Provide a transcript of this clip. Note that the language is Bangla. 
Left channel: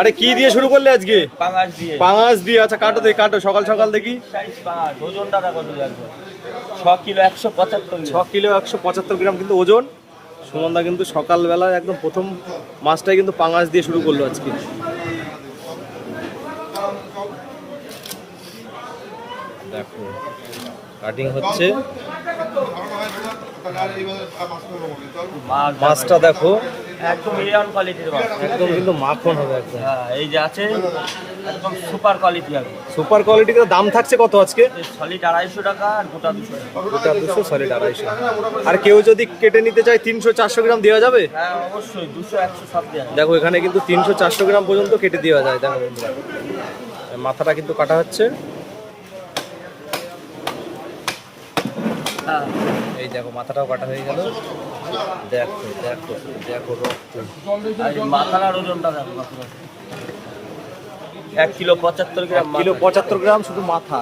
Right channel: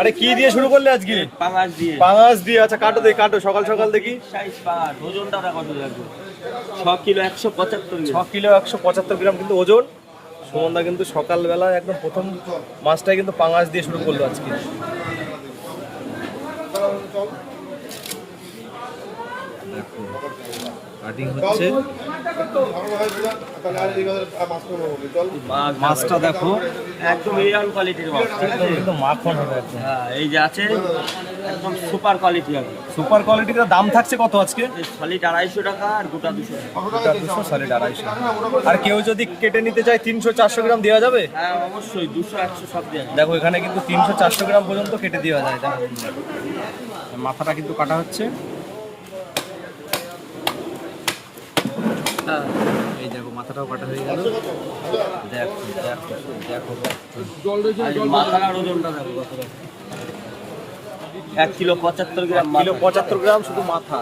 আরে কি দিয়ে শুরু করলে আজকে? পাঙাশ দিয়ে। পাঙাশ দিয়ে। আচ্ছা কাটো দেখি, কাটো সকাল সকাল দেখি। সাইজ পাঙাশ, ওজনটা কত লাগবে? 6 কিলো 175 6 কিলো 175 গ্রাম কিন্তু ওজন। সুমনদা কিন্তু সকালবেলা একদম প্রথম মাছটাই কিন্তু পাঙাশ দিয়ে শুরু করলো আজকে। কাটিং হচ্ছে, মাছটা দেখো একদম এরিয়াল কোয়ালিটির মাছ, একদম কিন্তু মাখন হবে একদম। হ্যাঁ এই যে আছে একদম সুপার কোয়ালিটি লাগবে। সুপার কোয়ালিটির দাম থাকছে কত আজকে? সলিড 250 টাকা আর গোটা 200 টাকা। গোটা 200, সলিড 250। আর কেউ যদি কেটে নিতে চায় 300-400 গ্রাম দেওয়া যাবে? হ্যাঁ অবশ্যই 200 100 সব দেওয়া যাবে। দেখো এখানে কিন্তু 300-400 গ্রাম পর্যন্ত কেটে দেওয়া যায়। দেখো মাথাটা কিন্তু কাটা হচ্ছে। হ্যাঁ এই দেখো মাথাটাও কাটা হয়ে গেল। দেখো দেখো দেখো আর এই মাথার ওজনটা কত কত? 1 কিলো 75 গ্রাম। 1 কিলো 75 গ্রাম শুধু মাথা।